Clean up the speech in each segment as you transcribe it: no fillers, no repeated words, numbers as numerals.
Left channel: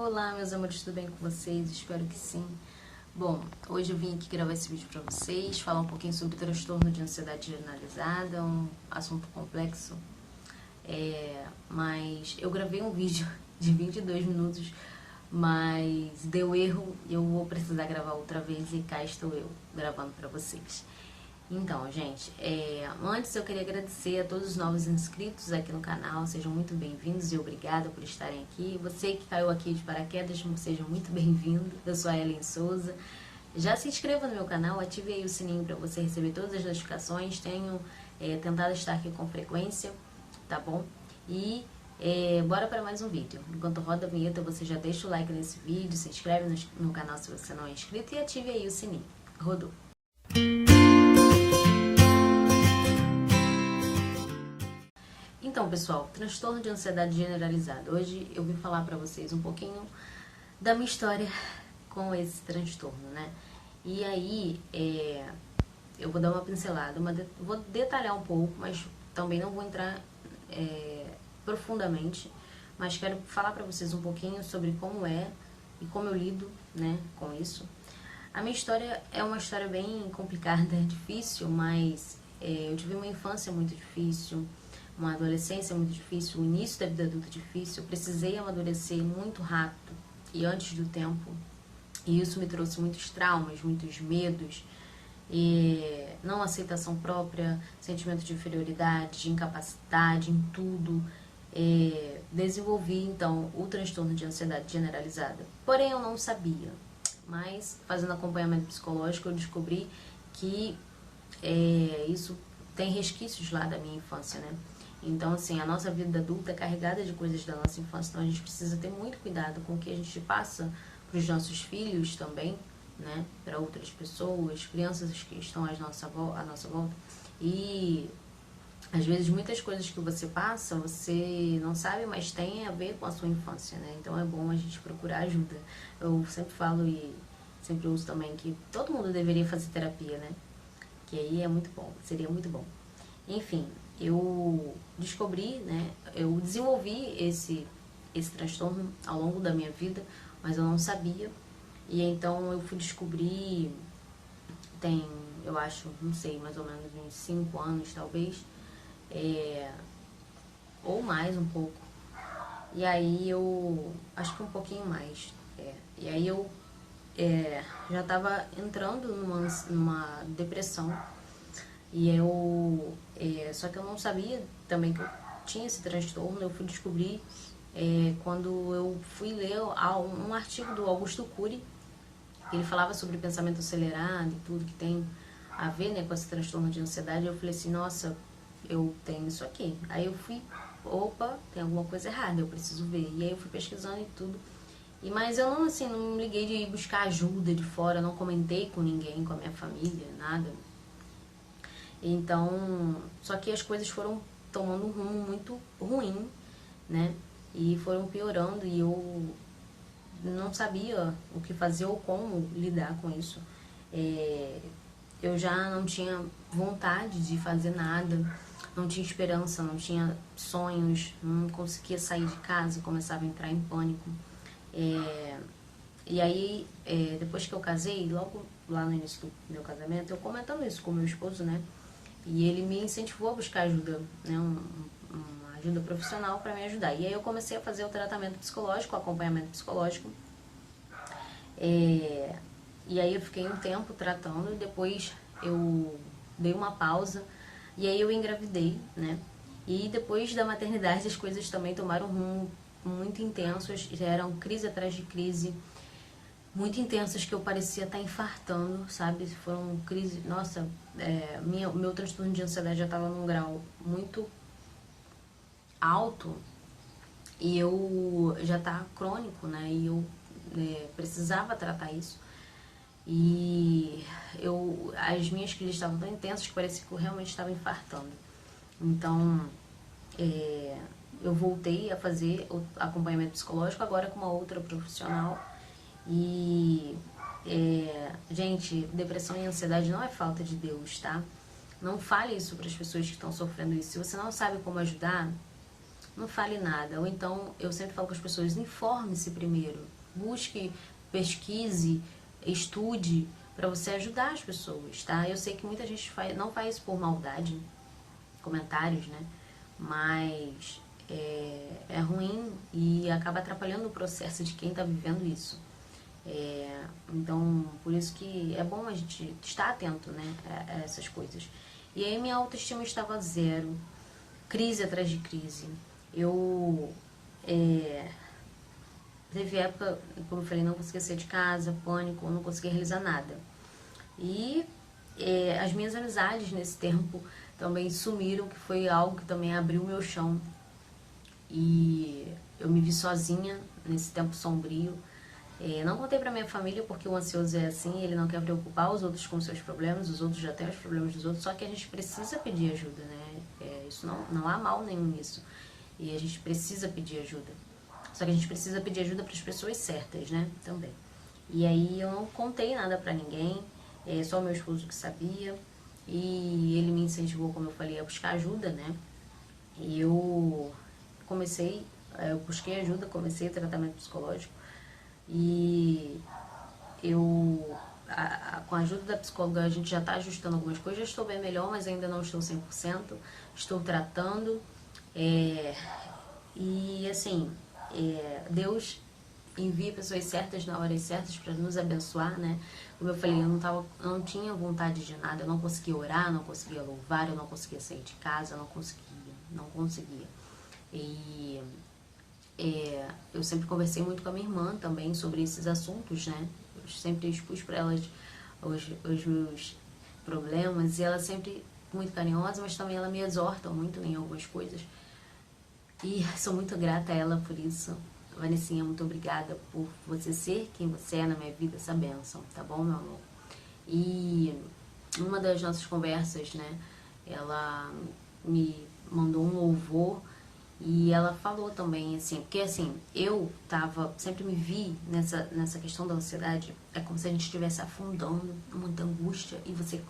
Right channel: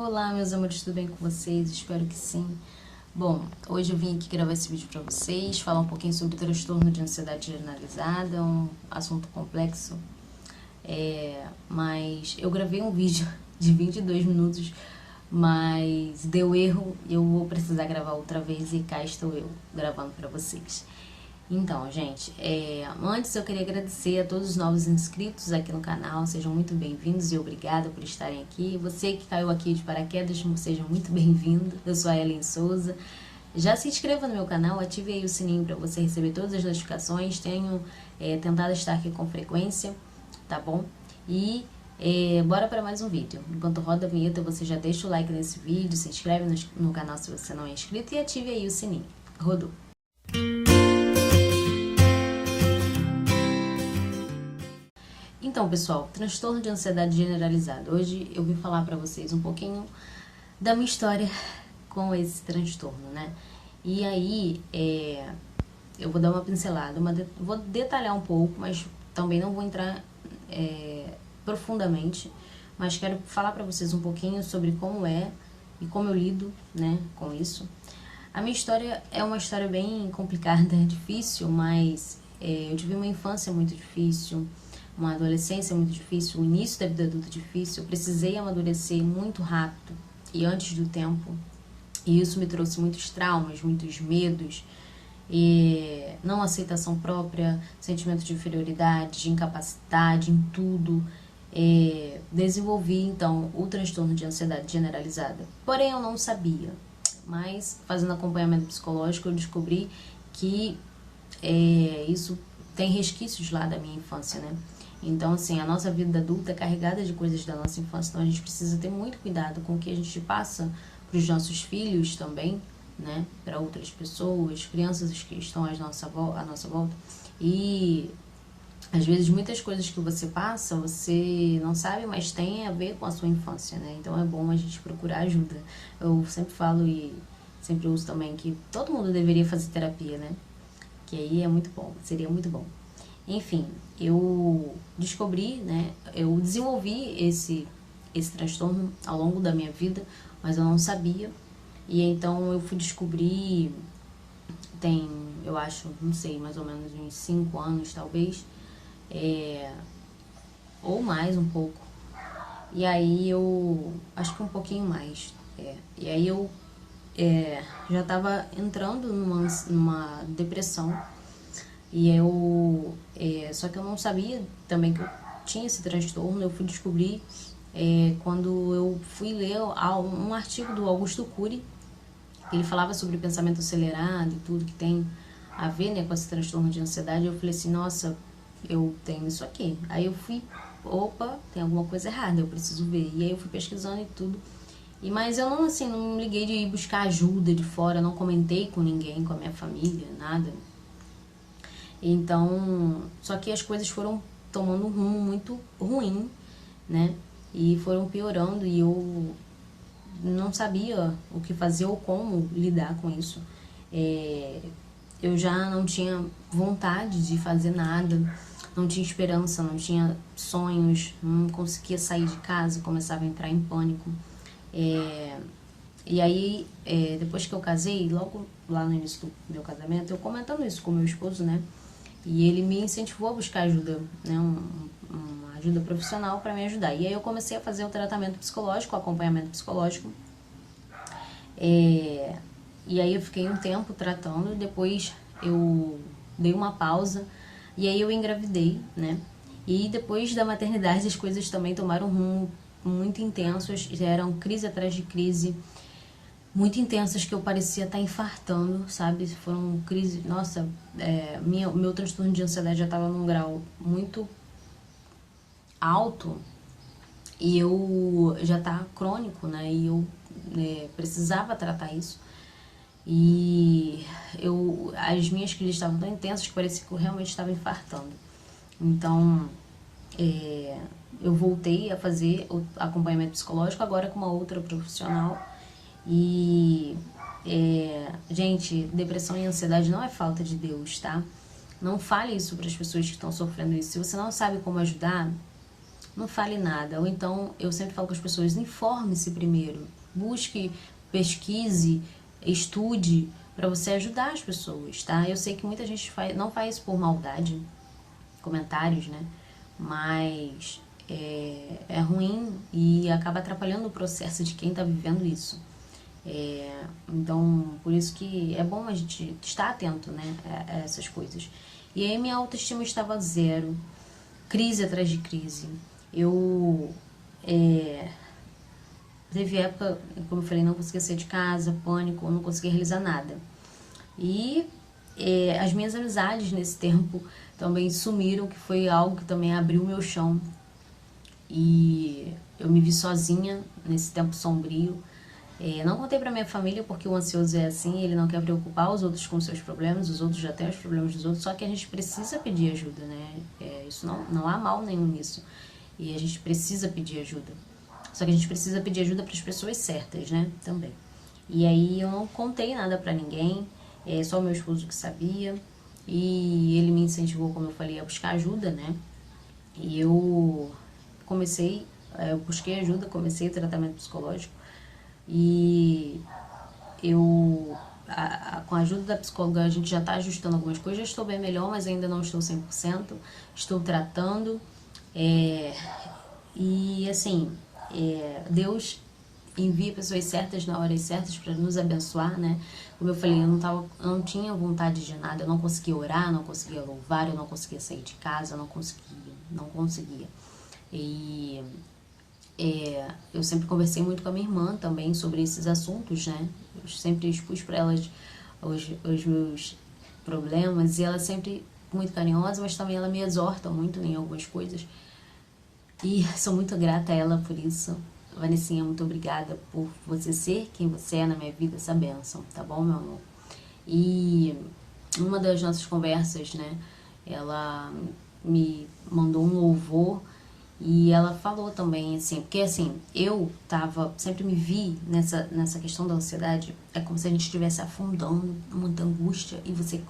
Olá, meus amores, tudo bem com vocês? Espero que sim. Bom, hoje eu vim aqui gravar esse vídeo pra vocês, falar um pouquinho sobre o transtorno de ansiedade generalizada, um assunto complexo, mas eu gravei um vídeo de 22 minutos, mas deu erro e eu vou precisar gravar outra vez e cá estou eu gravando pra vocês. Então, gente, antes eu queria agradecer a todos os novos inscritos aqui no canal, sejam muito bem-vindos e obrigada por estarem aqui. Você que caiu aqui de paraquedas, seja muito bem-vindo. Eu sou a Ellen Souza. Já se inscreva no meu canal, ative aí o sininho para você receber todas as notificações. Tenho tentado estar aqui com frequência, tá bom? E bora para mais um vídeo. Enquanto roda a vinheta, você já deixa o like nesse vídeo, se inscreve no canal se você não é inscrito e ative aí o sininho. Rodou! Então, pessoal, transtorno de ansiedade generalizada. Hoje eu vim falar pra vocês um pouquinho da minha história com esse transtorno, né? E aí, eu vou dar uma pincelada, vou detalhar um pouco, mas também não vou entrar profundamente, mas quero falar pra vocês um pouquinho sobre como é e como eu lido, né, com isso. A minha história é uma história bem complicada, difícil, mas eu tive uma infância muito difícil, uma adolescência muito difícil, o início da vida adulta difícil. Eu precisei amadurecer muito rápido e antes do tempo. E isso me trouxe muitos traumas, muitos medos, não aceitação própria, sentimento de inferioridade, de incapacidade em tudo. Desenvolvi, então, o transtorno de ansiedade generalizada. Porém, eu não sabia. Mas, fazendo acompanhamento psicológico, eu descobri que isso tem resquícios lá da minha infância, né? Então, assim, a nossa vida adulta é carregada de coisas da nossa infância, então a gente precisa ter muito cuidado com o que a gente passa para os nossos filhos também, né? Para outras pessoas, crianças que estão à nossa volta. E, às vezes, muitas coisas que você passa, você não sabe, mas tem a ver com a sua infância, né? Então, é bom a gente procurar ajuda. Eu sempre falo e sempre uso também que todo mundo deveria fazer terapia, né? Que aí é muito bom, seria muito bom. Enfim, eu descobri, né, eu desenvolvi esse transtorno ao longo da minha vida, mas eu não sabia. E então eu fui descobrir, eu acho, não sei, mais ou menos uns 5 anos talvez, ou mais um pouco. E aí eu, acho que um pouquinho mais. E aí eu já estava entrando numa depressão. E eu, só que eu não sabia também que eu tinha esse transtorno. Eu fui descobrir quando eu fui ler um artigo do Augusto Cury, que ele falava sobre pensamento acelerado e tudo que tem a ver, né, com esse transtorno de ansiedade. Eu falei assim, nossa, eu tenho isso aqui. Aí eu fui, opa, tem alguma coisa errada, eu preciso ver. E aí eu fui pesquisando e tudo. Mas eu não, assim, não me liguei de ir buscar ajuda de fora, não comentei com ninguém, com a minha família, nada. Então, só que as coisas foram tomando um rumo muito ruim, né? E foram piorando e eu não sabia o que fazer ou como lidar com isso. Eu já não tinha vontade de fazer nada, não tinha esperança, não tinha sonhos, não conseguia sair de casa, começava a entrar em pânico. E aí, depois que eu casei, logo lá no início do meu casamento, eu comentando isso com meu esposo, né? E ele me incentivou a buscar ajuda, né? Uma ajuda profissional para me ajudar. E aí eu comecei a fazer o tratamento psicológico, o acompanhamento psicológico. E aí eu fiquei um tempo tratando, depois eu dei uma pausa e aí eu engravidei, né? E depois da maternidade as coisas também tomaram um rumo muito intensos, eram crise atrás de crise, muito intensas, que eu parecia estar infartando, sabe? Foram crise, nossa, meu transtorno de ansiedade já estava num grau muito alto e eu já tá crônico, né? E eu precisava tratar isso. E as minhas crises estavam tão intensas que parecia que eu realmente estava infartando. Então, eu voltei a fazer o acompanhamento psicológico agora com uma outra profissional. E, gente, depressão e ansiedade não é falta de Deus, tá? Não fale isso para as pessoas que estão sofrendo isso. Se você não sabe como ajudar, não fale nada. Ou então, eu sempre falo com as pessoas, informe-se primeiro, busque, pesquise, estude, para você ajudar as pessoas, tá? Eu sei que muita gente não faz isso por maldade, comentários, né? Mas é ruim e acaba atrapalhando o processo de quem tá vivendo isso. Então, por isso que é bom a gente estar atento, né, a essas coisas. E aí minha autoestima estava zero, crise atrás de crise. Eu teve época, como eu falei, não conseguia sair de casa, pânico, não conseguia realizar nada. E as minhas amizades nesse tempo também sumiram, que foi algo que também abriu o meu chão. E eu me vi sozinha nesse tempo sombrio. Não contei pra minha família porque o ansioso é assim, ele não quer preocupar os outros com seus problemas, os outros já têm os problemas dos outros, só que a gente precisa pedir ajuda, né? Isso não há mal nenhum nisso. E a gente precisa pedir ajuda. Só que a gente precisa pedir ajuda para as pessoas certas, né? Também. E aí eu não contei nada pra ninguém, só o meu esposo que sabia. E ele me incentivou, como eu falei, a buscar ajuda, né? E eu busquei ajuda, comecei o tratamento psicológico. E com a ajuda da psicóloga, a gente já está ajustando algumas coisas. Já estou bem melhor, mas ainda não estou 100%. Estou tratando. E assim, Deus envia pessoas certas na hora certas para nos abençoar, né? Como eu falei, eu não tinha vontade de nada. Eu não conseguia orar, não conseguia louvar, eu não conseguia sair de casa, eu não conseguia. E eu sempre conversei muito com a minha irmã também sobre esses assuntos, né? Eu sempre expus para elas os meus problemas e ela sempre muito carinhosa, mas também ela me exorta muito em algumas coisas. E sou muito grata a ela por isso. Vanessinha, muito obrigada por você ser quem você é na minha vida, essa bênção, tá bom, meu amor? E uma das nossas conversas, né, ela me mandou um louvor e ela falou também, assim, porque assim, sempre me vi nessa questão da ansiedade, é como se a gente estivesse afundando, muita angústia, e você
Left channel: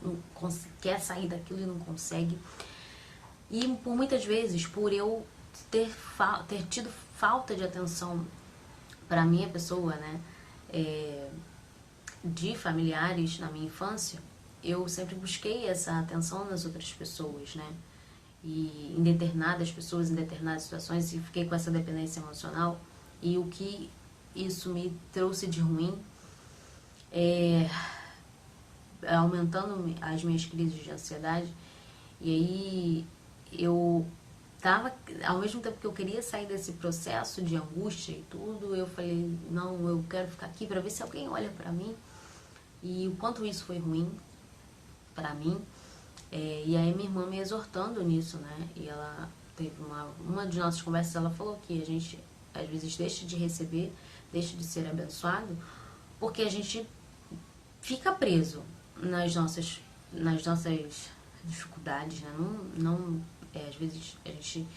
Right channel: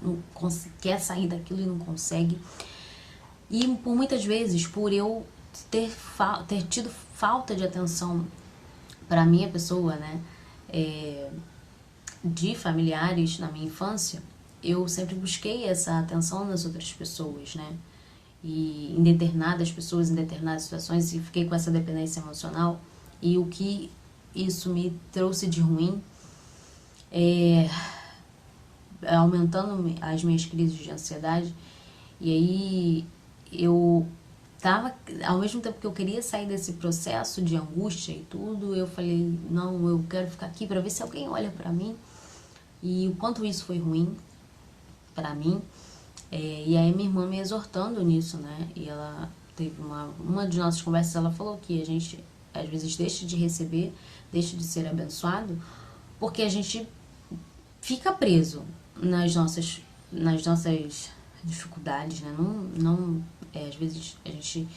quer sair daquilo e não consegue. E por muitas vezes, por eu ter tido falta de atenção para minha pessoa, né, de familiares na minha infância, eu sempre busquei essa atenção nas outras pessoas, né, e em determinadas pessoas, em determinadas situações, e fiquei com essa dependência emocional. E o que isso me trouxe de ruim aumentando as minhas crises de ansiedade. E aí eu tava, ao mesmo tempo que eu queria sair desse processo de angústia e tudo, eu falei, não, eu quero ficar aqui para ver se alguém olha para mim. E o quanto isso foi ruim para mim. E aí minha irmã me exortando nisso, né? E ela teve uma de nossas conversas, ela falou que a gente às vezes deixa de receber, deixa de ser abençoado, porque a gente fica preso nas nossas dificuldades, né? Às vezes a gente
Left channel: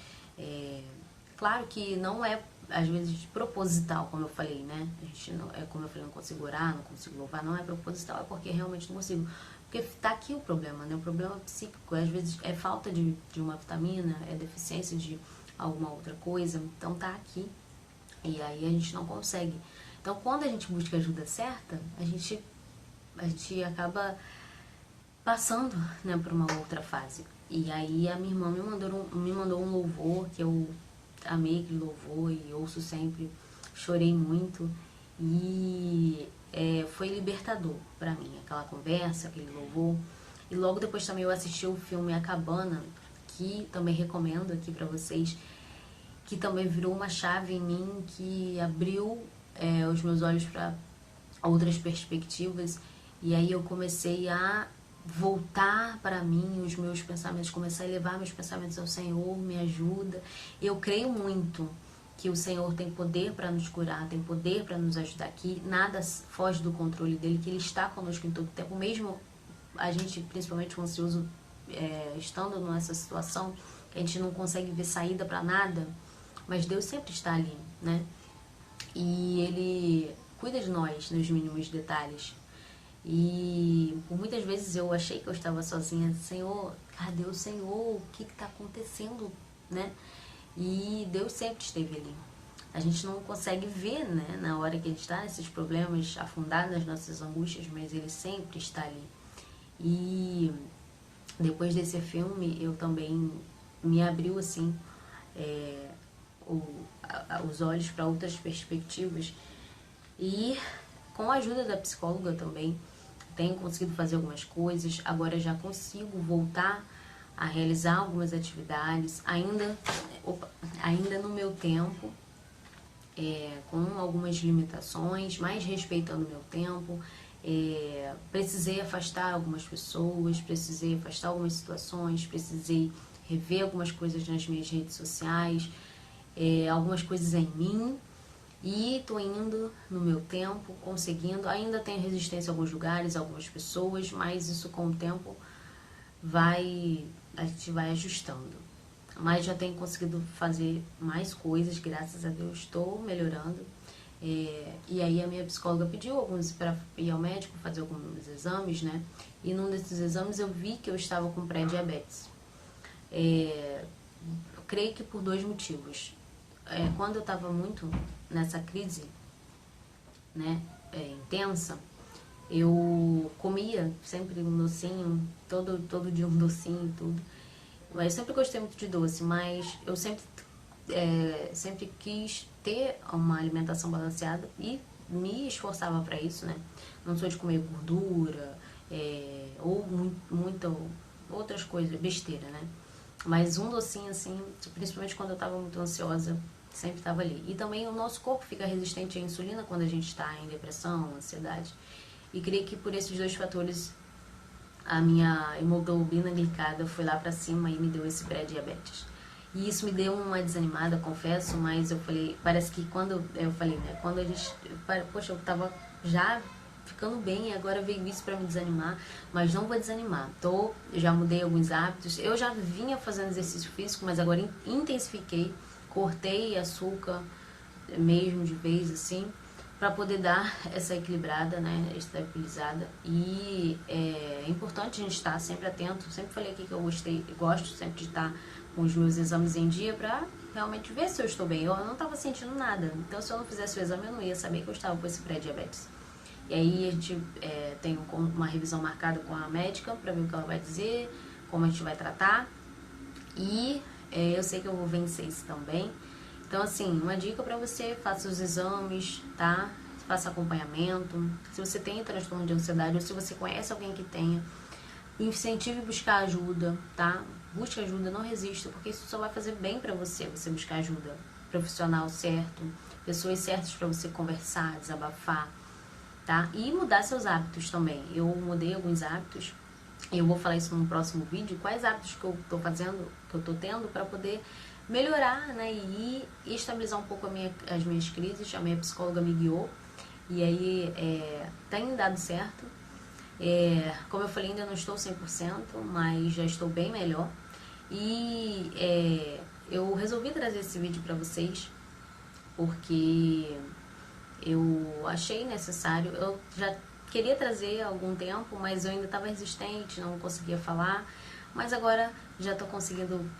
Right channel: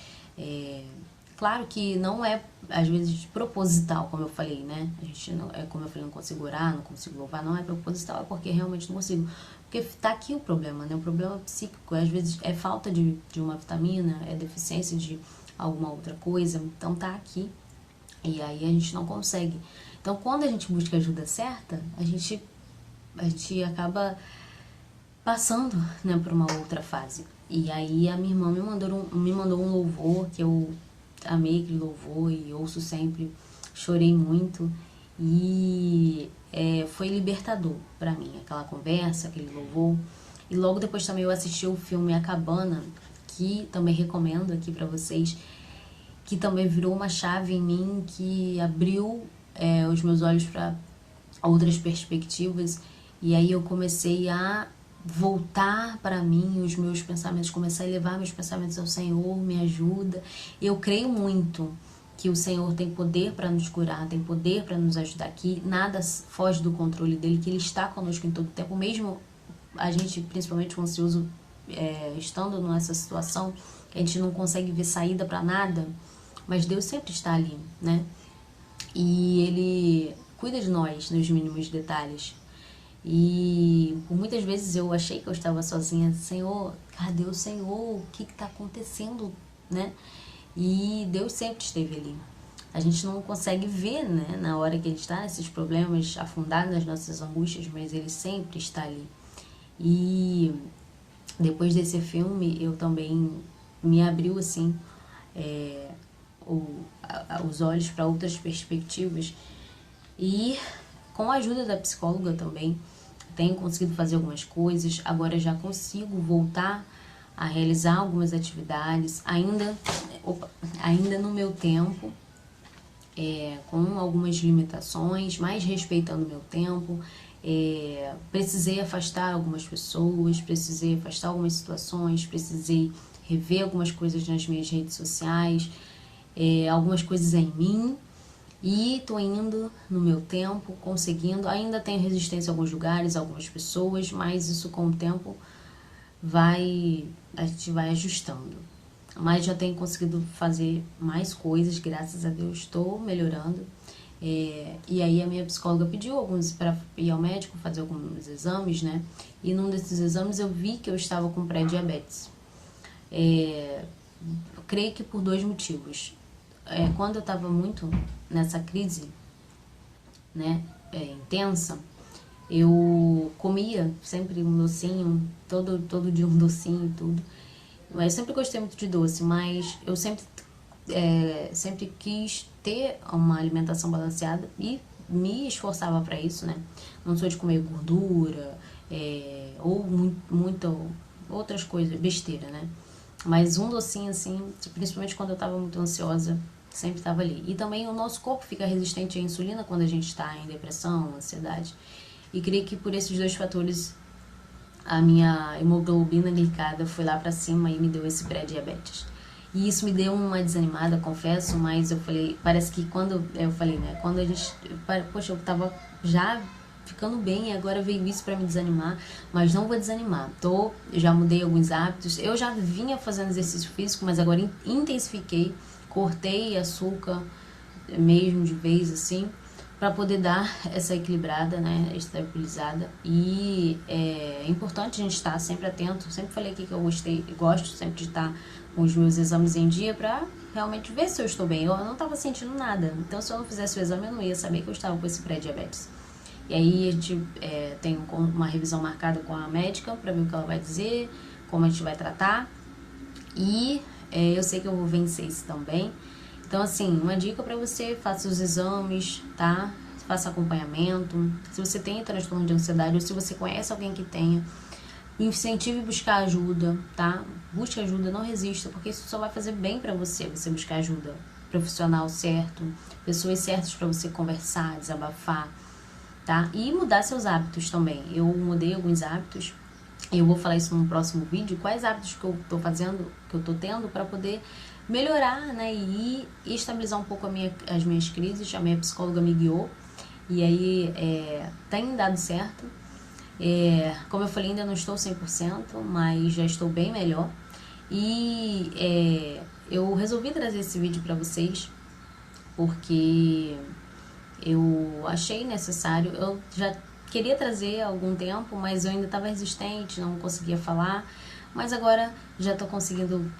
claro que não é às vezes proposital, como eu falei, né? A gente não é, como eu falei, não consigo orar, não consigo louvar, não é proposital, é porque realmente não consigo. Porque tá aqui o problema, né? O problema psíquico, às vezes é falta de uma vitamina, é deficiência de alguma outra coisa, então tá aqui. E aí a gente não consegue. Então quando a gente busca a ajuda certa, a gente acaba passando, né, por uma outra fase. E aí a minha irmã me mandou um louvor que eu amei aquele louvor e ouço sempre, chorei muito e foi libertador para mim, aquela conversa, aquele louvor. E logo depois também eu assisti o filme A Cabana, que também recomendo aqui para vocês, que também virou uma chave em mim, que abriu os meus olhos para outras perspectivas. E aí eu comecei a voltar para mim os meus pensamentos, começar a levar meus pensamentos ao Senhor, me ajuda. Eu creio muito que o Senhor tem poder para nos curar, tem poder para nos ajudar, que nada foge do controle dele, que ele está conosco em todo o tempo, mesmo a gente, principalmente o ansioso, estando nessa situação, que a gente não consegue ver saída para nada, mas Deus sempre está ali, né? E ele cuida de nós nos mínimos detalhes. E por muitas vezes eu achei que eu estava sozinha. Senhor, cadê o Senhor? O que está acontecendo, né? e Deus sempre esteve ali. A gente não consegue ver, né, na hora que a gente está nesses problemas, afundado nas nossas angústias, mas Ele sempre está ali. E depois desse filme, eu também me abriu, assim, os olhos para outras perspectivas. E com a ajuda da psicóloga também, tenho conseguido fazer algumas coisas. Agora já consigo voltar a realizar algumas atividades, ainda no meu tempo, com algumas limitações, mas respeitando o meu tempo. Precisei afastar algumas pessoas, precisei afastar algumas situações, precisei rever algumas coisas nas minhas redes sociais, algumas coisas em mim, e tô indo no meu tempo, conseguindo. Ainda tenho resistência a alguns lugares, a algumas pessoas, mas isso com o tempo a gente vai ajustando. Mas já tenho conseguido fazer mais coisas, graças a Deus, estou melhorando. E aí a minha psicóloga pediu alguns para ir ao médico fazer alguns exames, né? E num desses exames eu vi que eu estava com pré-diabetes. Eu creio que por 2 motivos. Quando eu estava muito nessa crise, né, intensa, eu comia sempre um docinho, todo dia um docinho e tudo. Eu sempre gostei muito de doce, mas eu sempre quis ter uma alimentação balanceada e me esforçava para isso, né? Não sou de comer gordura, ou muita outras coisas, besteira, né? Mas um docinho assim, principalmente quando eu estava muito ansiosa, sempre estava ali. E também o nosso corpo fica resistente à insulina quando a gente está em depressão, ansiedade. E creio que por esses 2 fatores a minha hemoglobina glicada foi lá pra cima e me deu esse pré-diabetes. E isso me deu uma desanimada, confesso, mas eu falei, parece que quando eu falei, né, quando a gente, poxa, eu tava já ficando bem e agora veio isso pra me desanimar, mas não vou desanimar. Já mudei alguns hábitos, eu já vinha fazendo exercício físico, mas agora intensifiquei, cortei açúcar mesmo de vez assim, para poder dar essa equilibrada, né, estabilizada. E é importante a gente estar sempre atento. Sempre falei aqui que eu gosto sempre de estar com os meus exames em dia para realmente ver se eu estou bem. Eu não estava sentindo nada, então se eu não fizesse o exame eu não ia saber que eu estava com esse pré-diabetes. E aí a gente tem uma revisão marcada com a médica para ver o que ela vai dizer, como a gente vai tratar. E eu sei que eu vou vencer isso também. Então, assim, uma dica para você: faça os exames, tá? Faça acompanhamento. Se você tem transtorno de ansiedade ou se você conhece alguém que tenha, incentive buscar ajuda, tá? Busque ajuda, não resista, porque isso só vai fazer bem para você buscar ajuda profissional certo, pessoas certas para você conversar, desabafar, tá? E mudar seus hábitos também. Eu mudei alguns hábitos. Eu vou falar isso num próximo vídeo, quais hábitos que eu tô fazendo, que eu tô tendo para poder melhorar, né, e estabilizar um pouco as minhas crises. A minha psicóloga me guiou e aí tem dado certo. Como eu falei, ainda não estou 100%, mas já estou bem melhor. E eu resolvi trazer esse vídeo para vocês porque eu achei necessário. Eu já queria trazer há algum tempo, mas eu ainda estava resistente, não conseguia falar. Mas agora já estou conseguindo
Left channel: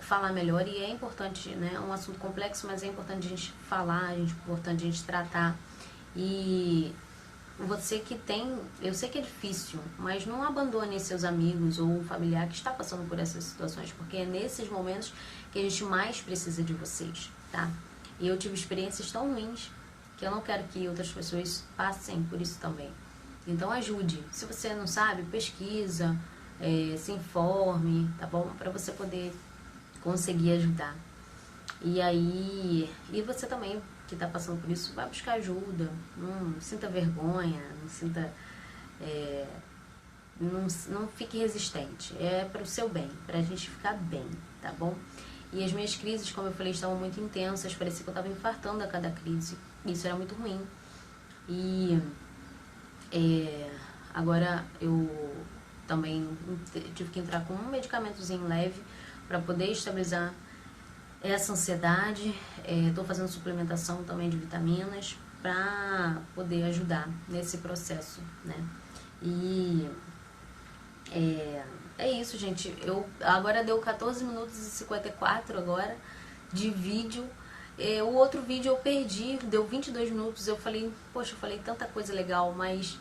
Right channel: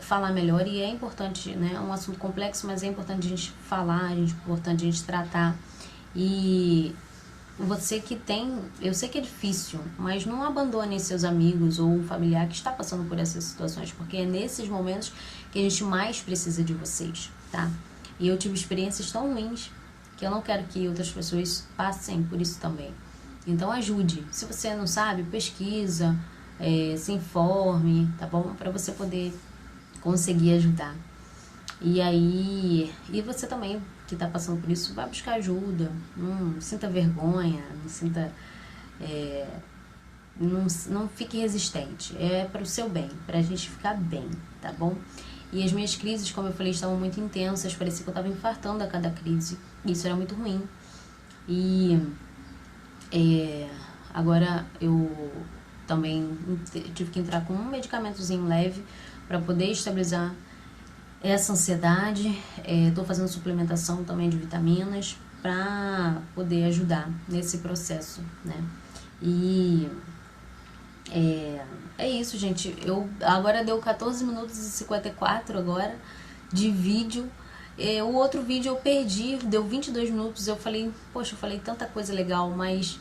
falar melhor e é importante, né? É um assunto complexo, mas é importante a gente falar, é importante a gente tratar. E você que tem, eu sei que é difícil, mas não abandone seus amigos ou um familiar que está passando por essas situações, porque é nesses momentos que a gente mais precisa de vocês, tá? E eu tive experiências tão ruins que eu não quero que outras pessoas passem por isso também. Então ajude. Se você não sabe, pesquisa, se informe, tá bom? Para você poder conseguir ajudar. E aí, e você também que está passando por isso, vai buscar ajuda. Não sinta vergonha, não sinta, não fique resistente. É para o seu bem, para a gente ficar bem, tá bom? E as minhas crises, como eu falei, estavam muito intensas, parecia que eu estava infartando a cada crise. Isso era muito ruim. E agora eu também tive que entrar com um medicamentozinho leve para poder estabilizar essa ansiedade. Estou fazendo suplementação também de vitaminas para poder ajudar nesse processo, né? E é isso, gente. Agora deu 14 minutos e 54 agora. de vídeo. O outro vídeo eu perdi, deu 22 minutos, eu falei, poxa, eu falei tanta coisa legal, mas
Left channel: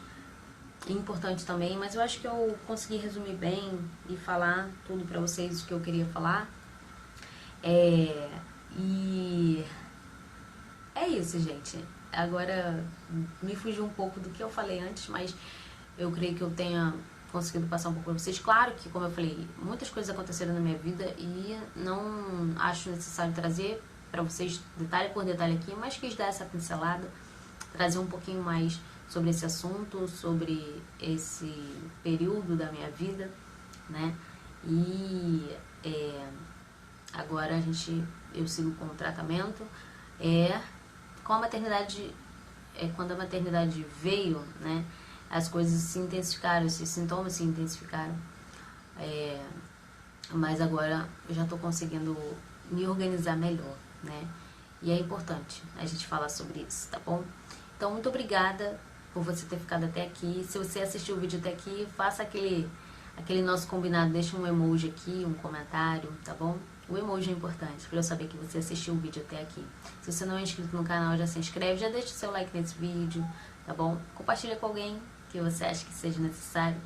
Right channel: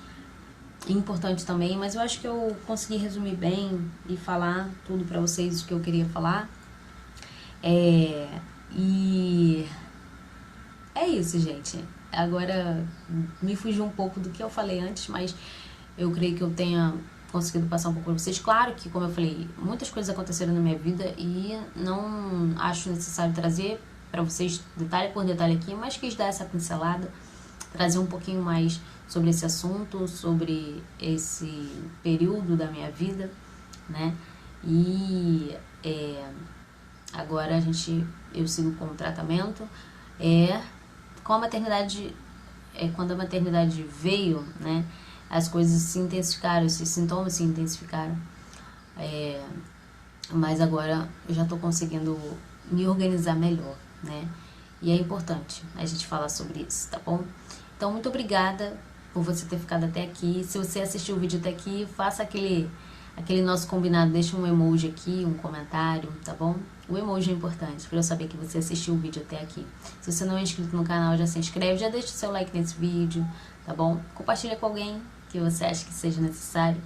importante também, mas eu acho que eu consegui resumir bem e falar tudo pra vocês o que eu queria falar. E é isso, gente. Agora me fugiu um pouco do que eu falei antes, mas eu creio que eu tenha conseguido passar um pouco pra vocês. Claro que, como eu falei, muitas coisas aconteceram na minha vida e não acho necessário trazer pra vocês detalhe por detalhe aqui, mas quis dar essa pincelada, trazer um pouquinho mais sobre esse assunto, sobre esse período da minha vida, né? E agora eu sigo com o tratamento. Com a maternidade, quando a maternidade veio, né? As coisas se intensificaram, esses sintomas se intensificaram. Mas agora eu já tô conseguindo me organizar melhor, né? E é importante a gente falar sobre isso, tá bom? Então, muito obrigada por você ter ficado até aqui. Se você assistiu o vídeo até aqui, faça aquele nosso combinado, deixa um emoji aqui, um comentário, tá bom? O emoji é importante para eu saber que você assistiu o vídeo até aqui. Se você não é inscrito no canal, já se inscreve, já deixa o seu like nesse vídeo, tá bom? Compartilha com alguém que você acha que seja necessário,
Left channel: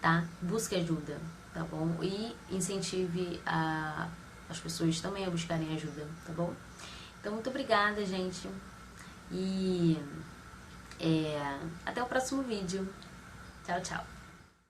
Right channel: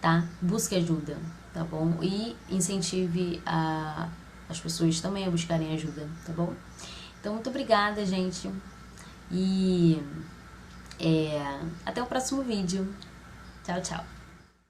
tá? Busque ajuda, tá bom? E incentive as pessoas também a buscarem ajuda, tá bom? Então, muito obrigada, gente. E até o próximo vídeo. Tchau, tchau.